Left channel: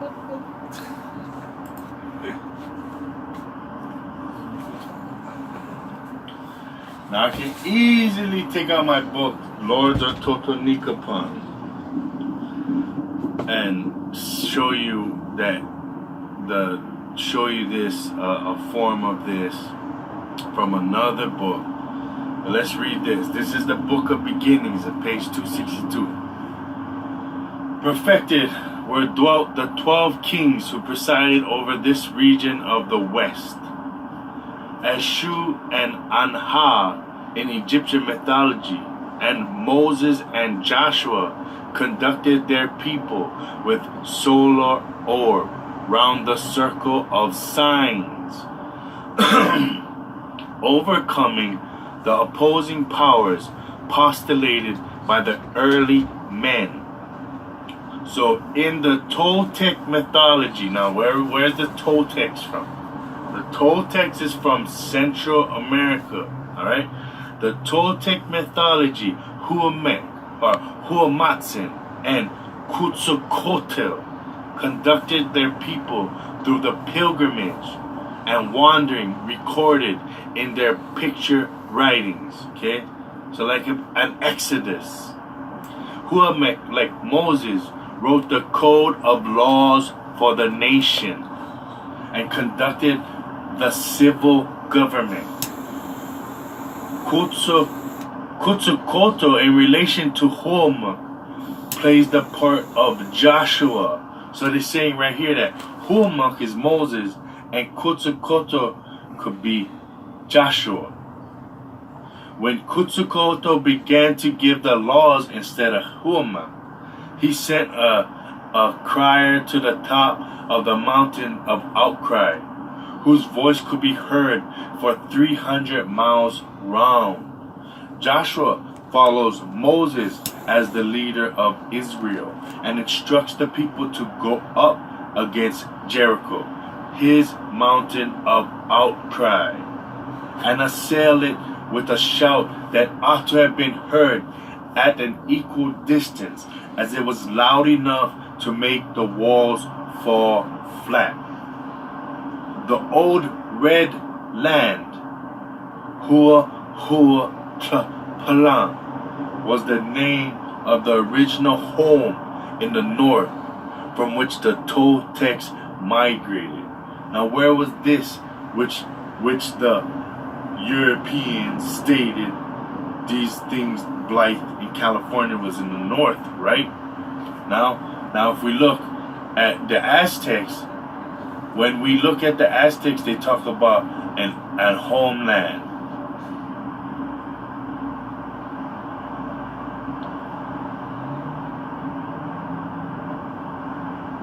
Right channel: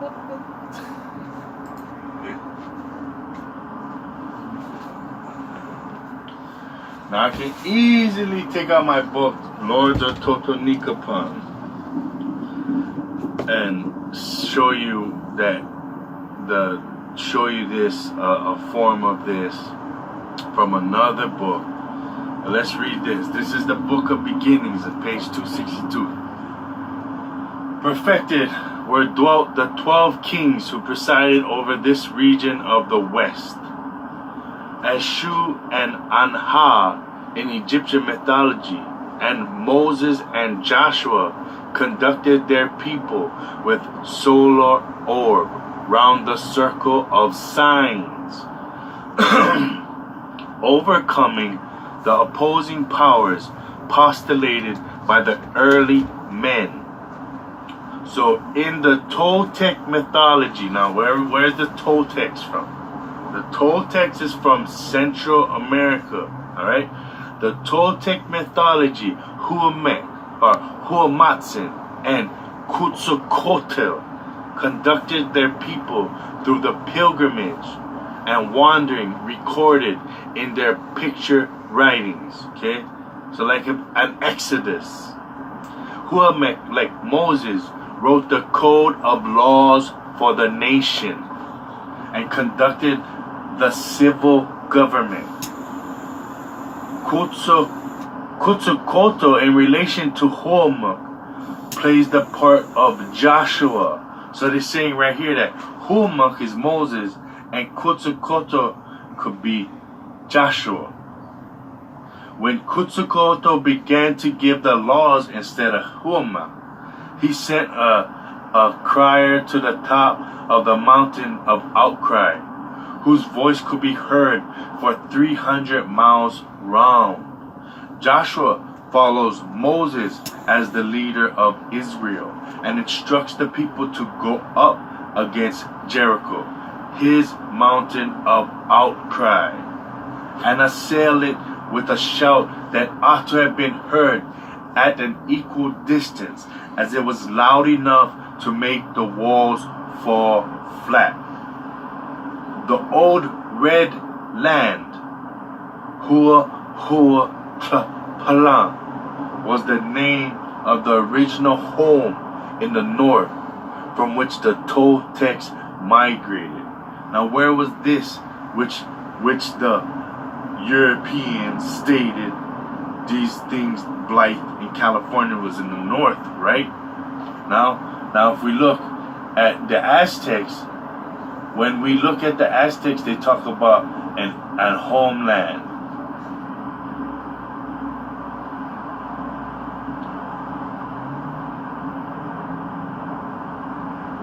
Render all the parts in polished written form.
Now I can easily take out my book, Lords of Totonicapon, and show you this a form of this from another book. Let's read this. This is the Book of Beginnings at page 262. Perfected where dwelt the 12 kings who presided over this region of the west. As Shu and Anha in Egyptian mythology, and Moses and Joshua conducted their people with solar orb round the circle of signs, overcoming the opposing powers postulated by the early men. So in the Toltec mythology, now where's the Toltecs from? The Toltecs is from Central America, alright? The Toltec mythology, Huamatsin and Quetzalcoatl conducted their people through the pilgrimage and wandering recorded in their picture writings, okay? So like an Exodus. Huamek, like Moses, wrote the code of laws for the nation and conducted the civil government. Quetzalcoatl, in relation to Huamek, plays the part of Joshua. So they're saying right here that Huamek is Moses and Quetzalcoatl could be Joshua. When Quetzalcoatl began to give the laws instead of Huamek, he sent a crier to the top of the mountain of outcry, whose voice could be heard for 300 miles round. Joshua follows Moses as the leader of Israel and instructs the people to go up against Jericho, his mountain of outcry, and assail it with a shout that ought to have been heard at an equal distance, as it was loud enough to make the walls fall flat. The old red land, Palan, was the name of the original home in the north from which the Toltecs migrated. Now where was this which the Europeans stated these things, Blythe in California was in the north, right? Now if we look at the Aztecs, when we look at the Aztecs, they talk about an homeland.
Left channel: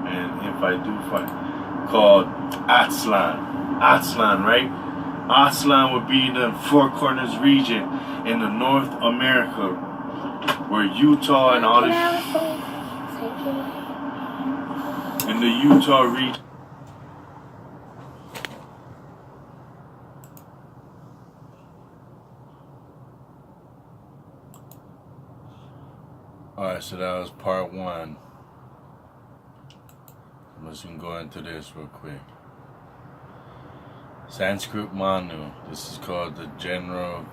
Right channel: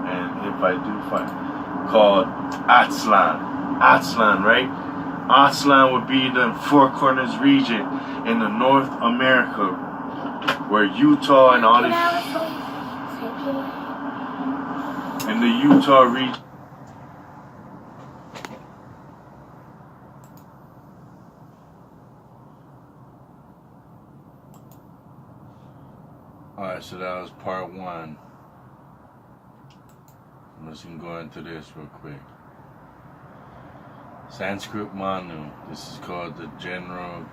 And if I do find, called Aztlan, right? Aztlan would be the Four Corners region in the North America, where Utah and all these, in the Utah region. Alright, so that was part one. I'm just gonna go into this real quick. Sanskrit Manu. This is called the General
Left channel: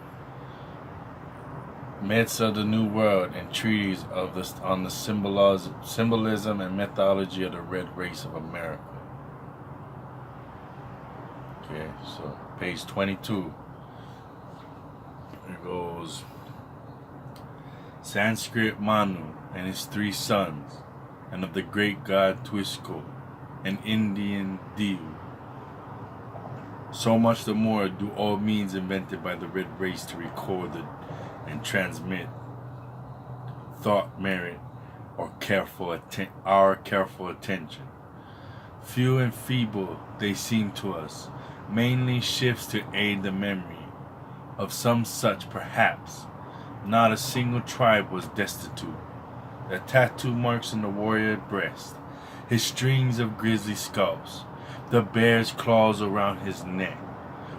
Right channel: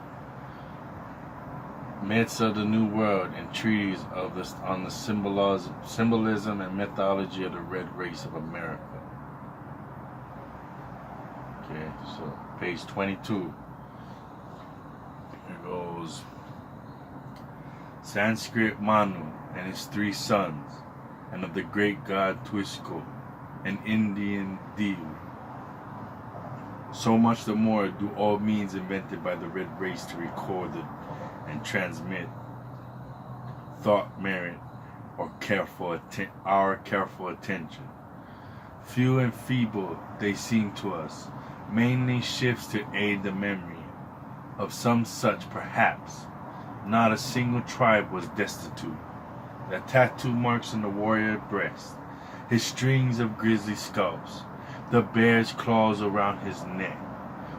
Myths of the New World and Treaties of this on the symbolism and mythology of the Red Race of America. Okay, so page 22. It goes Sanskrit Manu and his 3 sons, and of the great god Tuisko, an Indian deity. So much the more do all means invented by the red race to record and transmit thought merit or our careful attention. Few and feeble they seem to us, mainly shifts to aid the memory of some such perhaps. Not a single tribe was destitute. The tattoo marks on the warrior breast, his strings of grisly scalps, the bear's claws around his neck,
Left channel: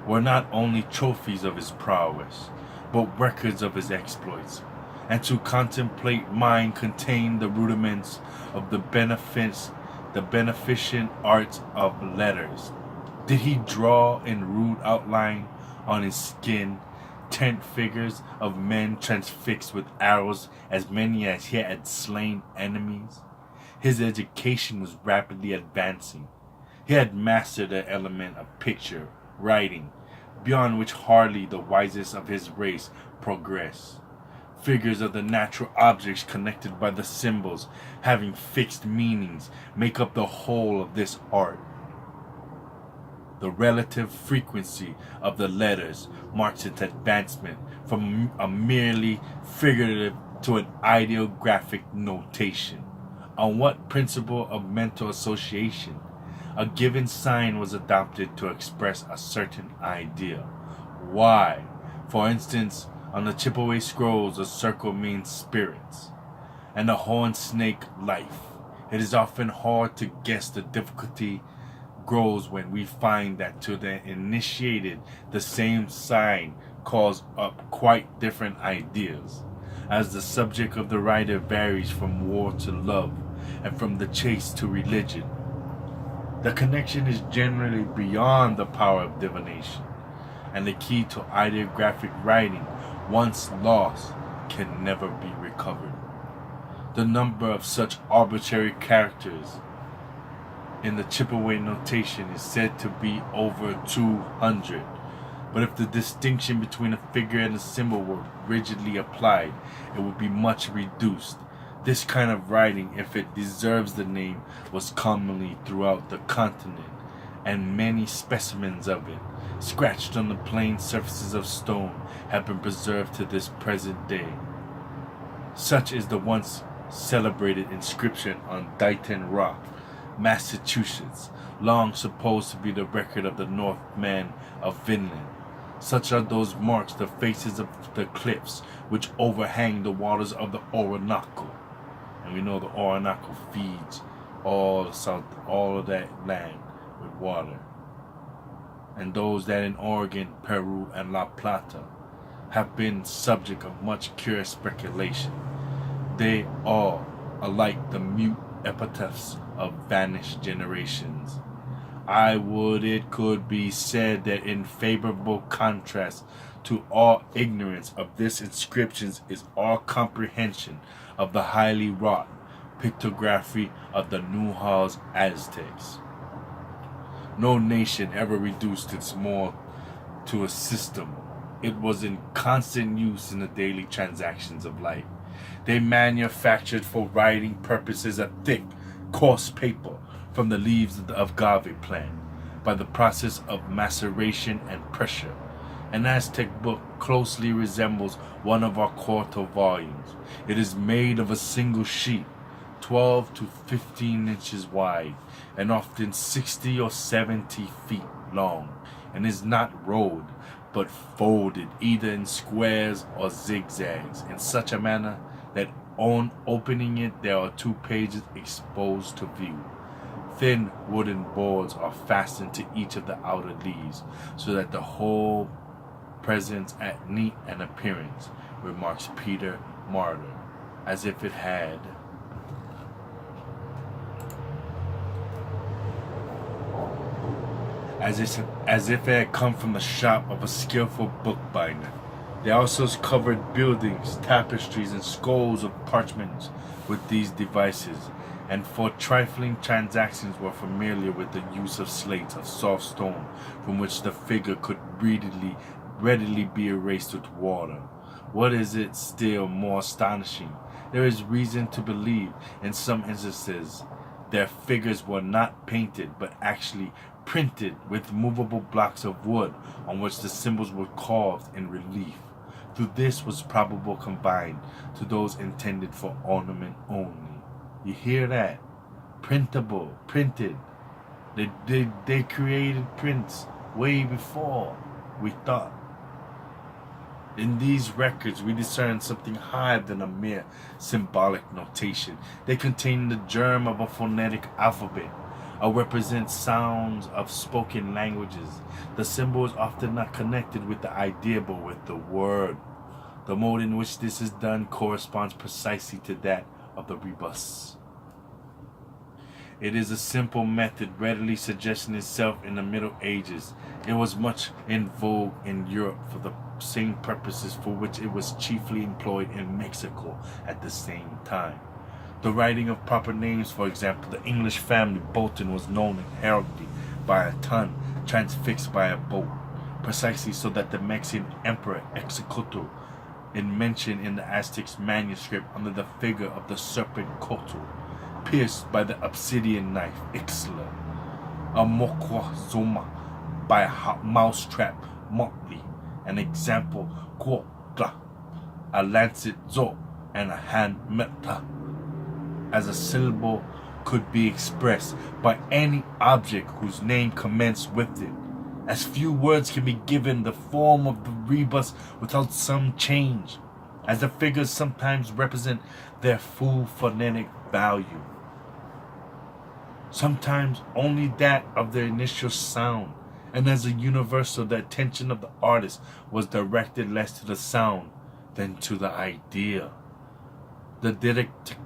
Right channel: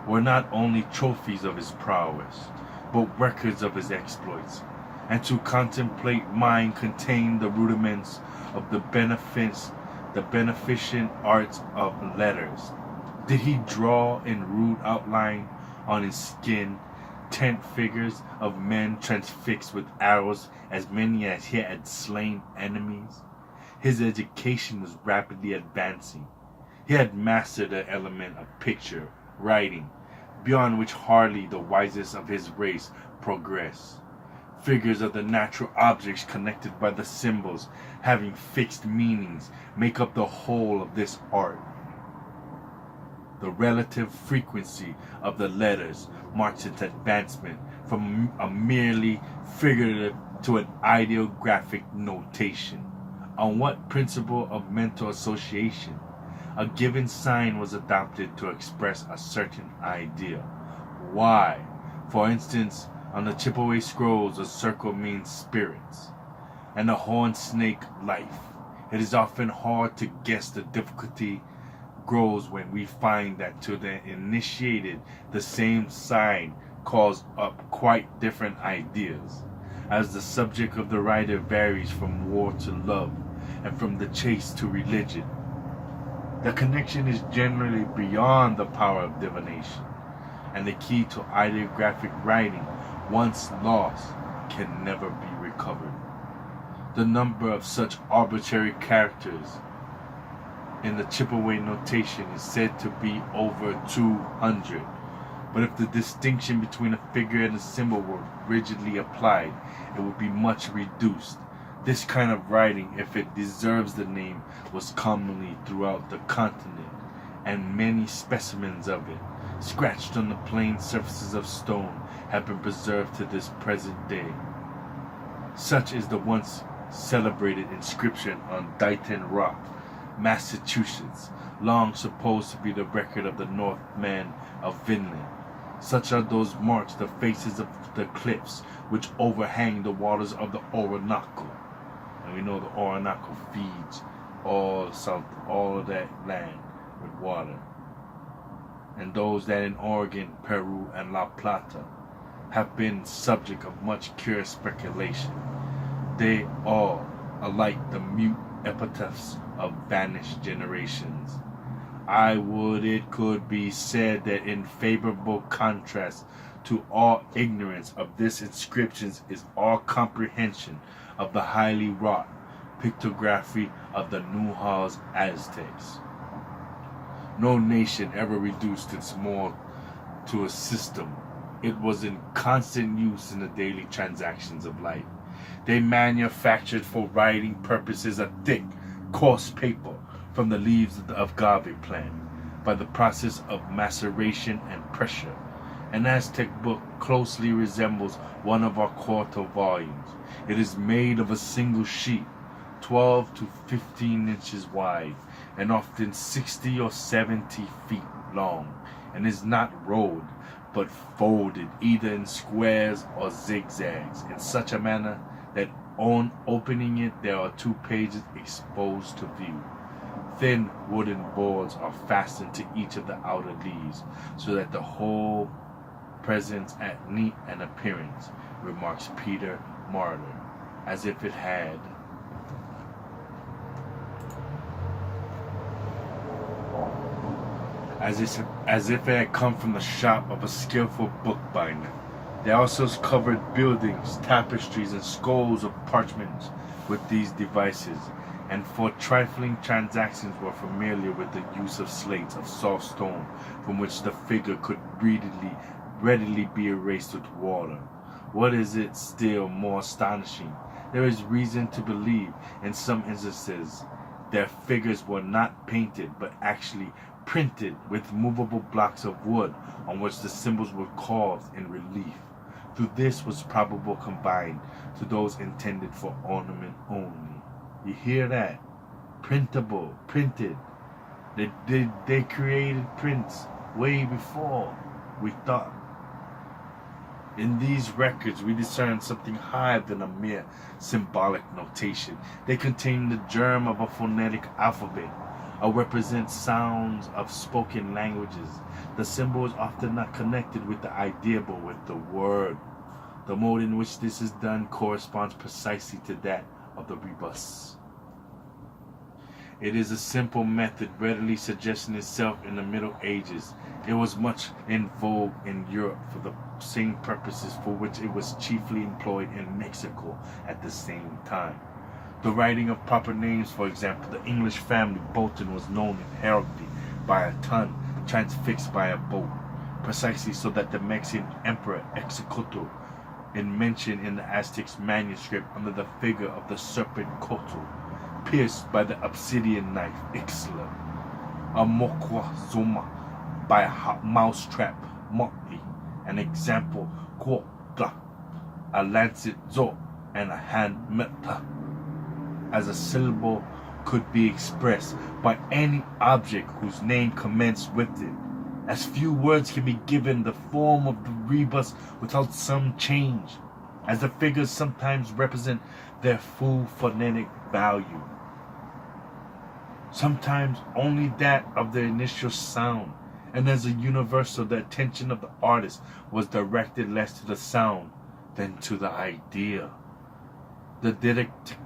were not only trophies of his prowess, but records of his exploits, and to contemplate mine contained the rudiments of the benefits the beneficent arts of letters. Did he draw in rude outline on his skin tent figures of men transfixed with arrows, as many as he had slain enemies? His education was rapidly advancing. He had mastered the element of picture, writing, beyond which hardly the wisest of his race progress. Figures of the natural objects connected by the symbols, having fixed meanings, make up the whole of this art. The relative frequency of the letters marks its advancement from a merely figurative to an ideographic notation. On what principle of mental association? A given sign was adopted to express a certain idea. Why? For instance, on the Chippewa scrolls, a circle means spirits, and a horned snake life. It is often hard to guess. The difficulty grows when we find that to the initiated, the same sign calls up quite different ideas, as the subject of the writer varies from war to love, and from the chase to religion. The connection is generally beyond the power of divination, and the key to ideographic writing, once lost, can never be recovered. The number of such arbitrary characters in the Chippewa notation is said to be over 200. But if the distinction between a figure and a symbol were rigidly applied, it would be much reduced. This kind of writing, if it deserves the name, was commonly throughout the continent, and many specimens of it, scratched on the plain surfaces of stone, have been preserved to this present day. Such is the once celebrated inscription on Dighton Rock, Massachusetts, long supposed to be the record of the Northmen of Vinland. Such are those marks, the faces of the cliffs which overhang the waters of the Orinoco. And we know the Orinoco feeds all of that land with water. And those that in Oregon, Peru, and La Plata have been subject of much curious speculation. They all alike the mute epitaphs of vanished generations. I would it could be said that in favorable contrast to all ignorance of this inscriptions is all comprehension of the highly wrought pictography of the Newhalls Aztecs. No nation ever reduced its more to a system. It was in constant use in the daily transactions of life. They manufactured for writing purposes a thick, coarse paper from the leaves of agave plant by the process of maceration and pressure. An Aztec book closely resembles one of our quarto volumes. It is made of a single sheet, 12 to 15 inches wide, and often 60 or 70 feet long, and is not rolled, but folded either in squares or zigzags, in such a manner that on opening it there are 2 pages exposed to view. Thin wooden boards are fastened to each of the outer leaves, so that the whole presents at neat an appearance, remarks Peter Martyr, as if it had as if it had come from the shop of a skillful bookbinder. They also covered buildings, tapestries, and scrolls of parchments with these devices, and for trifling transactions were familiar with the use of slates of soft stone from which the figure could readily be erased with water. What is it still more astonishing? There is reason to believe in some instances their figures were not painted but actually printed with movable blocks of wood on which the symbols were carved in relief. Through this was probable combined to those intended for ornament only. You hear that? Printable, printed. They created prints way before we thought. In these records, we discern something higher than a mere symbolic notation. They contain the germ of a phonetic alphabet, or represent sounds of spoken languages. The symbol is often not connected with the idea, but with the word. The mode in which this is done corresponds precisely to that of the rebus. It is a simple method readily suggesting itself in the Middle Ages. It was much in vogue in Europe for the same purposes for which it was chiefly employed in Mexico at the same time. The writing of proper names, for example, the English family Bolton was known in heraldry by a ton transfixed by a bolt, precisely so that the Mexican emperor Executor in mention in the Aztec's manuscript under the figure of the serpent Cotl, pierced by the obsidian knife Ixtla, a Moctezuma by a mousetrap Motley, an example Cuautla, a lancet Zo, and a hand Meta, as a syllable could be expressed by any object whose name commenced with it. As few words can be given the form of the rebus without some change, as the figures sometimes represent their full phonetic value, sometimes only that of their initial sound, and as a universal the attention of the artist was directed less to the sound than to the idea. The didactic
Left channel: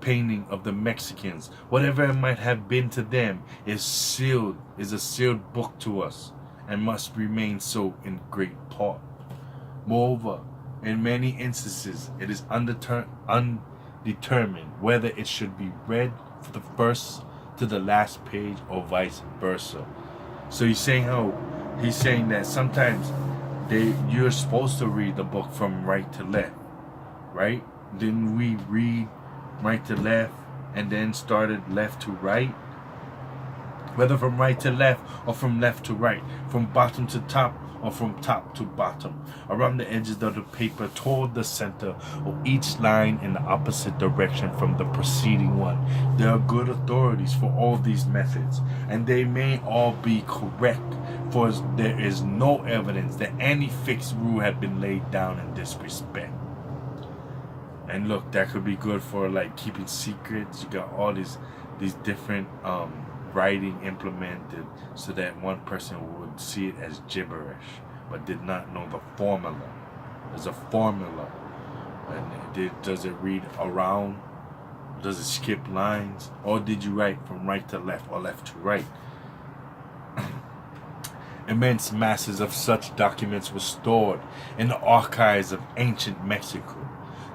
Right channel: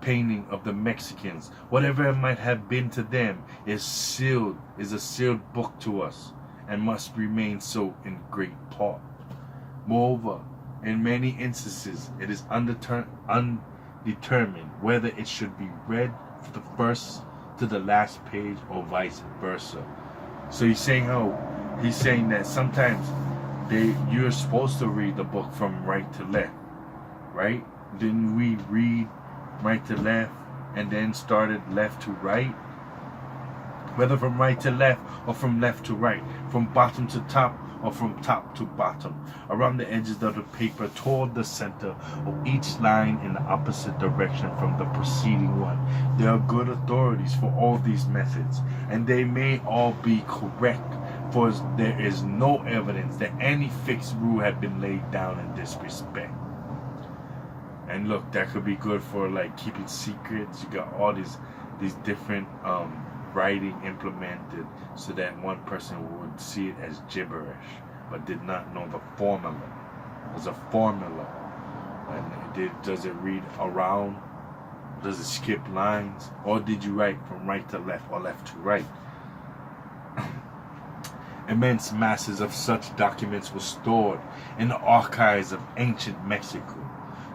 painting of the Mexicans, whatever it might have been to them, is a sealed book to us, and must remain so in great part. Moreover, in many instances, it is undetermined whether it should be read from the first to the last page or vice versa. So he's saying that sometimes you're supposed to read the book from right to left, right? Didn't we read right to left and then started left to right? Whether from right to left or from left to right, from bottom to top or from top to bottom, around the edges of the paper toward the center, or each line in the opposite direction from the preceding one. There are good authorities for all these methods, and they may all be correct, for there is no evidence that any fixed rule had been laid down in this respect. And look, that could be good for like keeping secrets. You got all these different writing implemented so that one person would see it as gibberish but did not know the formula. There's a formula. And does it read around? Does it skip lines? Or did you write from right to left or left to right? Immense masses of such documents were stored in the archives of ancient Mexico.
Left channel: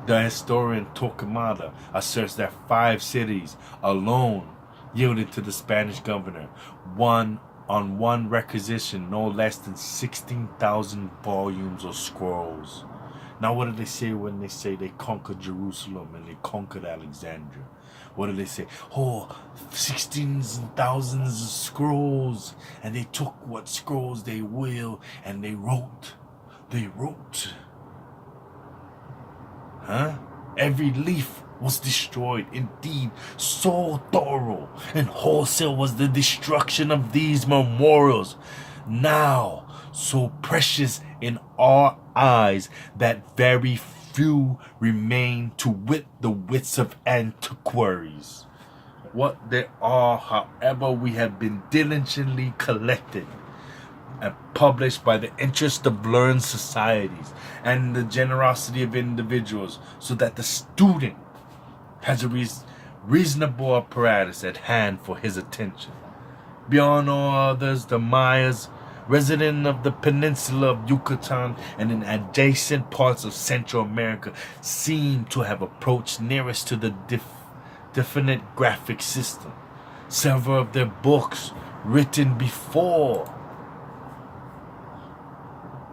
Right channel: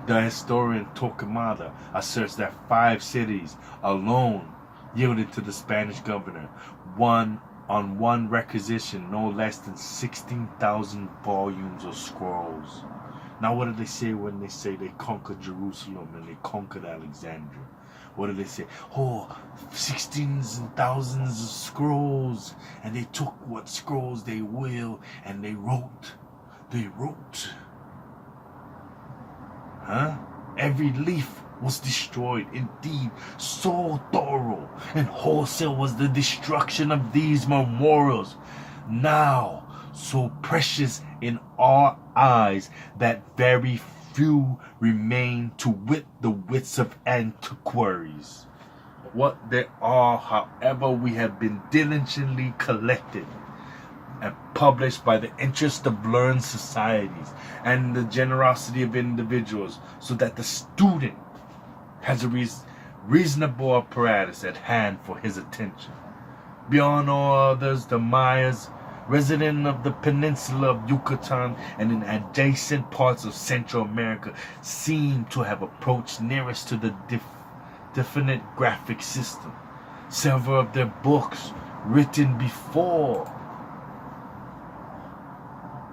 The historian Torquemada asserts that 5 cities alone yielded to the Spanish governor on one requisition no less than 16,000 volumes of scrolls. Now what do they say when they say they conquered Jerusalem and they conquered Alexandria? What do they say? Oh, 16s and thousands of scrolls, and they took what scrolls they will and they wrote. Huh? Every leaf was destroyed. Indeed, so thorough and wholesale was the destruction of these memorials, now so precious in our eyes that very few remain to wit the wits of antiquaries. What there are, however, we have been diligently collected and published by the interest of learned societies and the generosity of individuals, so that the student has a reasonable apparatus at hand for his attention. Beyond all others, the Mayas, resident of the peninsula of Yucatan and in adjacent parts of Central America, seem to have approached nearest to the definite graphic system. Several of their books, written before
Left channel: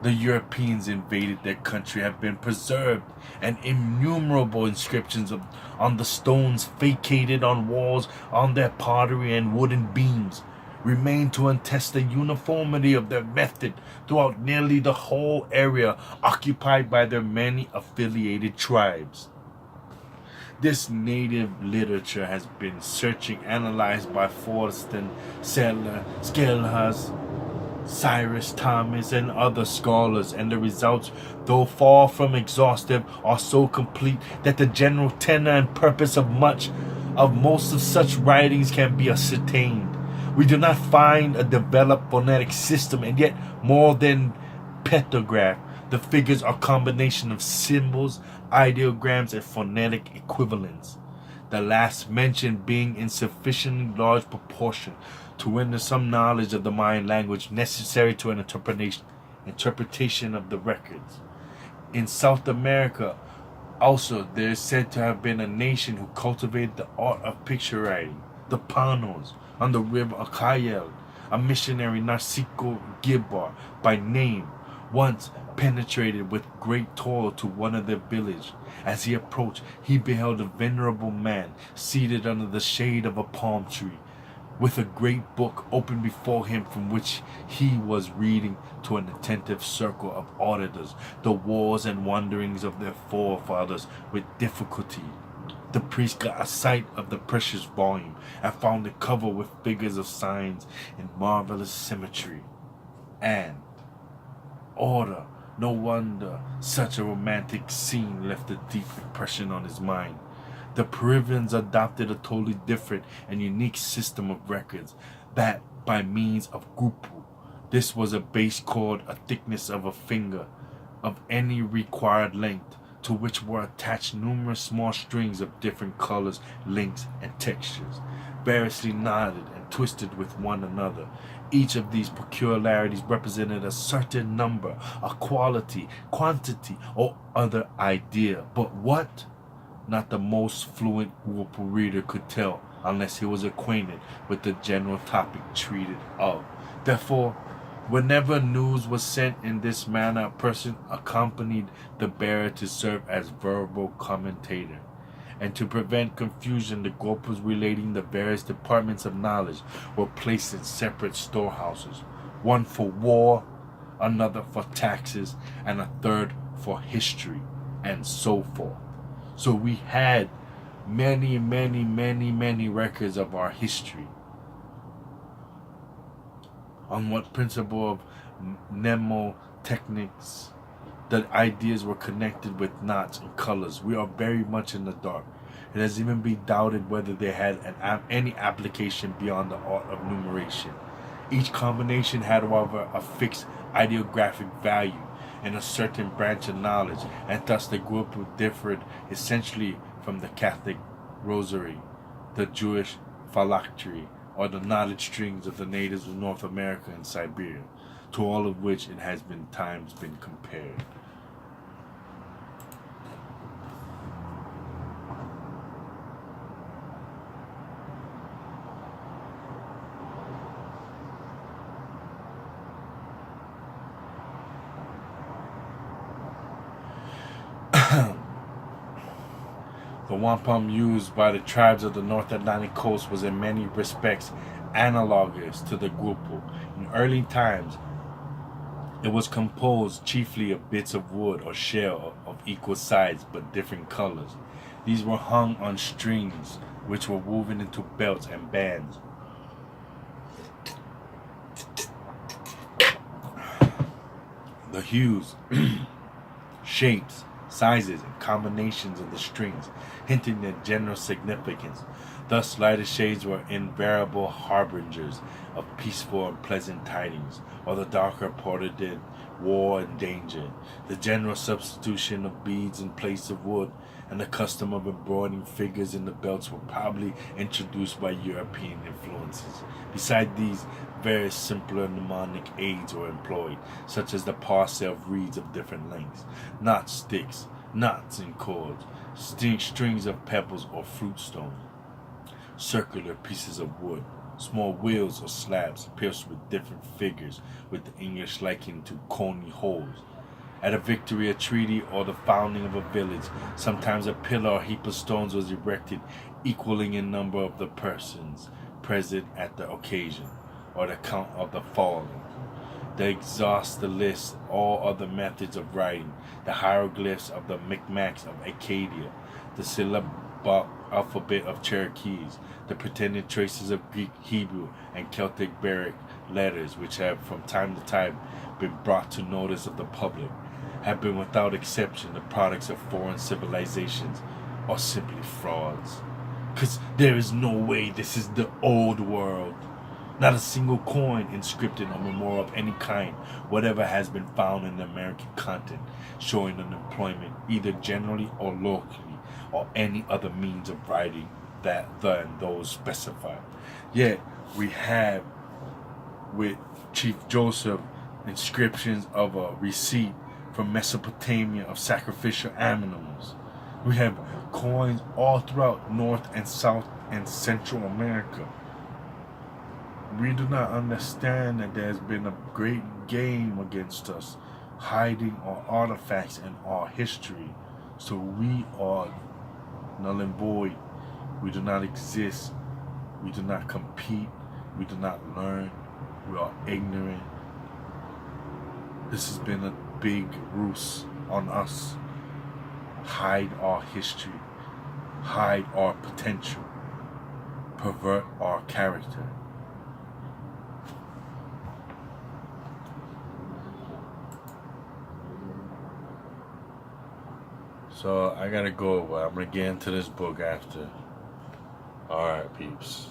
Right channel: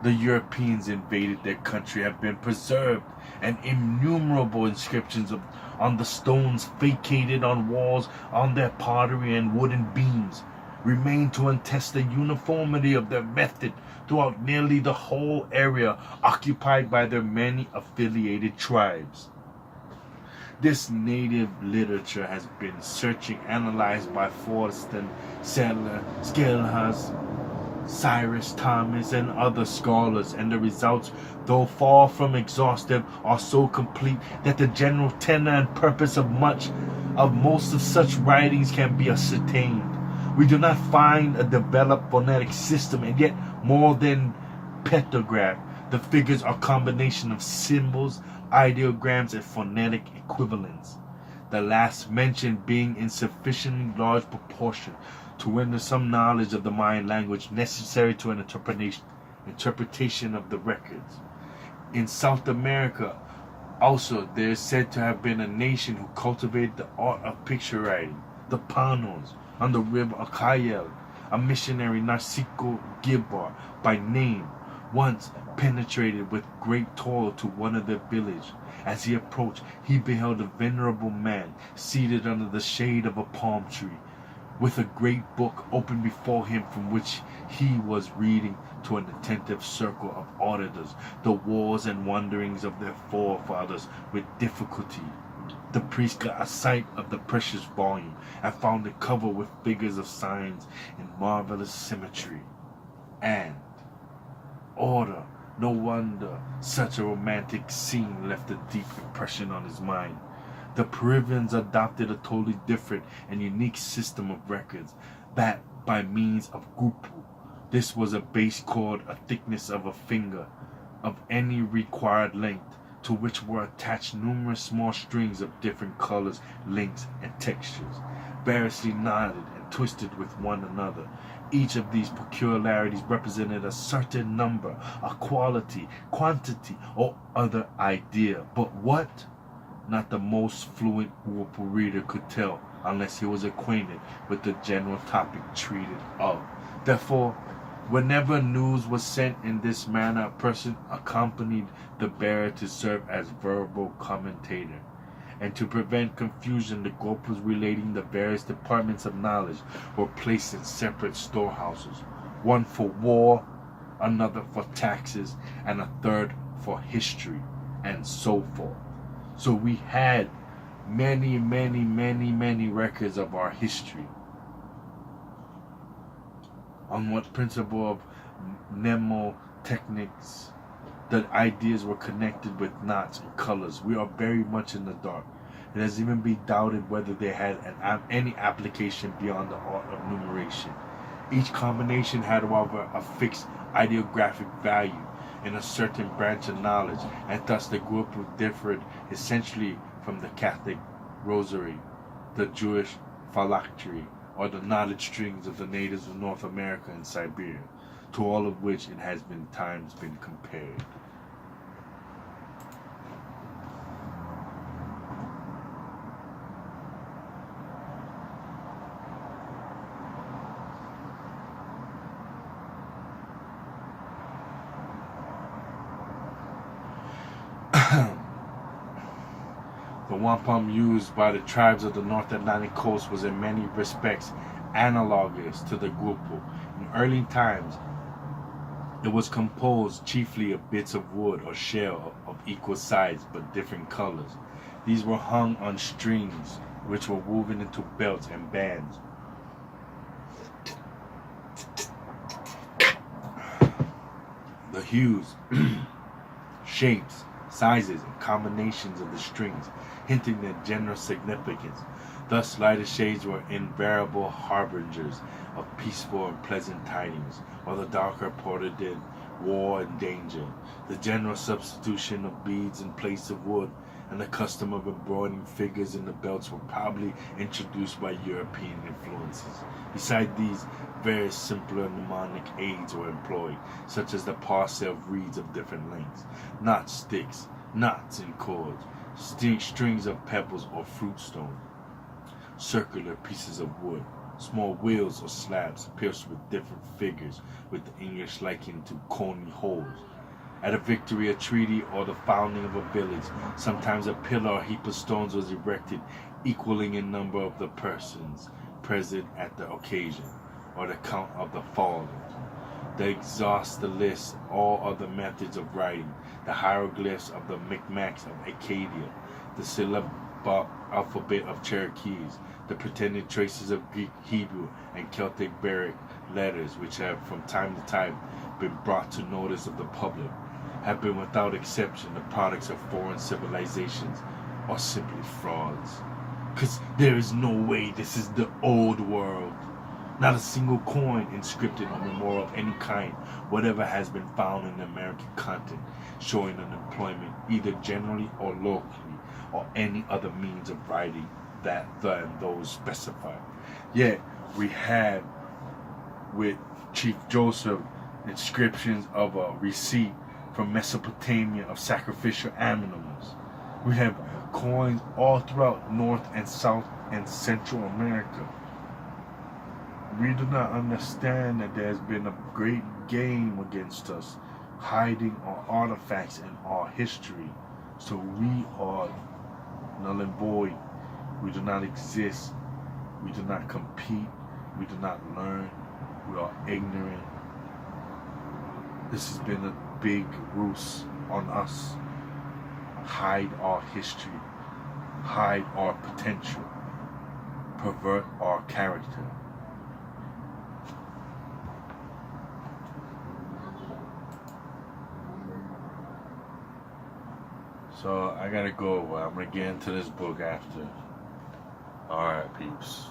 the Europeans invaded their country, have been preserved, and innumerable inscriptions on the stones fabricated on walls, on their pottery and wooden beams, remain to attest the uniformity of their method throughout nearly the whole area occupied by their many affiliated tribes. This native literature has been analyzed by Forston, Settler, Scalhas, Cyrus Thomas, and other scholars, and the results, though far from exhaustive, are so complete that the general tenor and purpose of most of such writings can be ascertained. We do not find a developed phonetic system, and yet more than Petrograph, the figures are a combination of symbols, ideograms, and phonetic equivalents. the last mentioned being in sufficiently large proportion to render some knowledge of the Mayan language necessary to an interpretation of the records. In South America, also, there is said to have been a nation who cultivated the art of picture writing, the Panos, on the river Acayel. A missionary, Narciso Gilbar, by name, once penetrated with great toil to one of their village. As he approached, he beheld a venerable man seated under the shade of a palm tree, with a great book open before him, from which he was reading to an attentive circle of auditors the wars and wanderings of their forefathers with difficulty. The priest got a sight of the precious volume and found it covered with figures of signs in marvelous symmetry and order. No wonder such a romantic scene left a deep impression on his mind. The Peruvians adopted a totally different and unique system of records, that by means of grupo. This was a base cord, a thickness of a finger, of any required length, to which were attached numerous small strings of different colors, lengths, and textures, variously knotted and twisted with one another. Each of these peculiarities represented a certain number, a quality, quantity, or other idea. But what? Not the most fluent grupo reader could tell, unless he was acquainted with the general topic treated of. Therefore, whenever news was sent in this manner, a person accompanied the bearer to serve as verbal commentator. And to prevent confusion, the grupos relating the various departments of knowledge were placed in separate storehouses, one for war, another for taxes, and a third for history, and so forth. So we had many records of our history. On what principle of mnemotechnics the ideas were connected with knots and colors, we are very much in the dark. It has even been doubted whether they had any application beyond the art of numeration. Each combination had, however, a fixed ideographic value in a certain branch of knowledge, and thus the group differed essentially from the Catholic rosary, the Jewish phylactery, or the knotted strings of the natives of North America and Siberia, to all of which it has been compared. The wampum used by the tribes of the North Atlantic coast was in many respects analogous to the grupo. In early times, it was composed chiefly of bits of wood or shell of equal size but different colors. These were hung on strings, which were woven into belts and bands. The hues, shapes, sizes, and combinations of the strings hinting at general significance. Thus, lighter shades were invariable harbingers of peaceful and pleasant tidings, while the darker portended war and danger. The general substitution of beads in place of wood and the custom of embroidering figures in the belts were probably introduced by European influences. Besides these, various simpler mnemonic aids were employed, such as the parcel of reeds of different lengths, knot sticks, knots and cords, strings of pebbles or fruit stones, circular pieces of wood, small wheels or slabs pierced with different figures, with the English likened to coney holes. At a victory, a treaty, or the founding of a village, sometimes a pillar or heap of stones was erected, equaling in number of the persons present at the occasion, or the count of the fallen. They exhaust the list all other methods of writing, the hieroglyphs of the Micmacs of Acadia, the syllabic alphabet of Cherokees, the pretended traces of Greek, Hebrew, and Celtic Baric letters, which have from time to time been brought to notice of the public, have been without exception the products of foreign civilizations, or simply frauds. Because there is no way this is the old world. Not a single coin, inscription, or memorial of any kind, whatever has been found in the American continent, showing unemployment either generally or locally, or any other means of writing than those specified. Yet we have with Chief Joseph inscriptions of a receipt from Mesopotamia of sacrificial animals. We have coins all throughout North and South and Central America. We do not understand that there's been a great game against us, hiding our artifacts and our history. So we are null and void. We do not exist. We do not compete. We do not learn. We are ignorant. This has been a big ruse on us. Hide our history. Hide our potential. Pervert our character. So I gotta go, but I'm gonna get into this book after. Alright, peeps.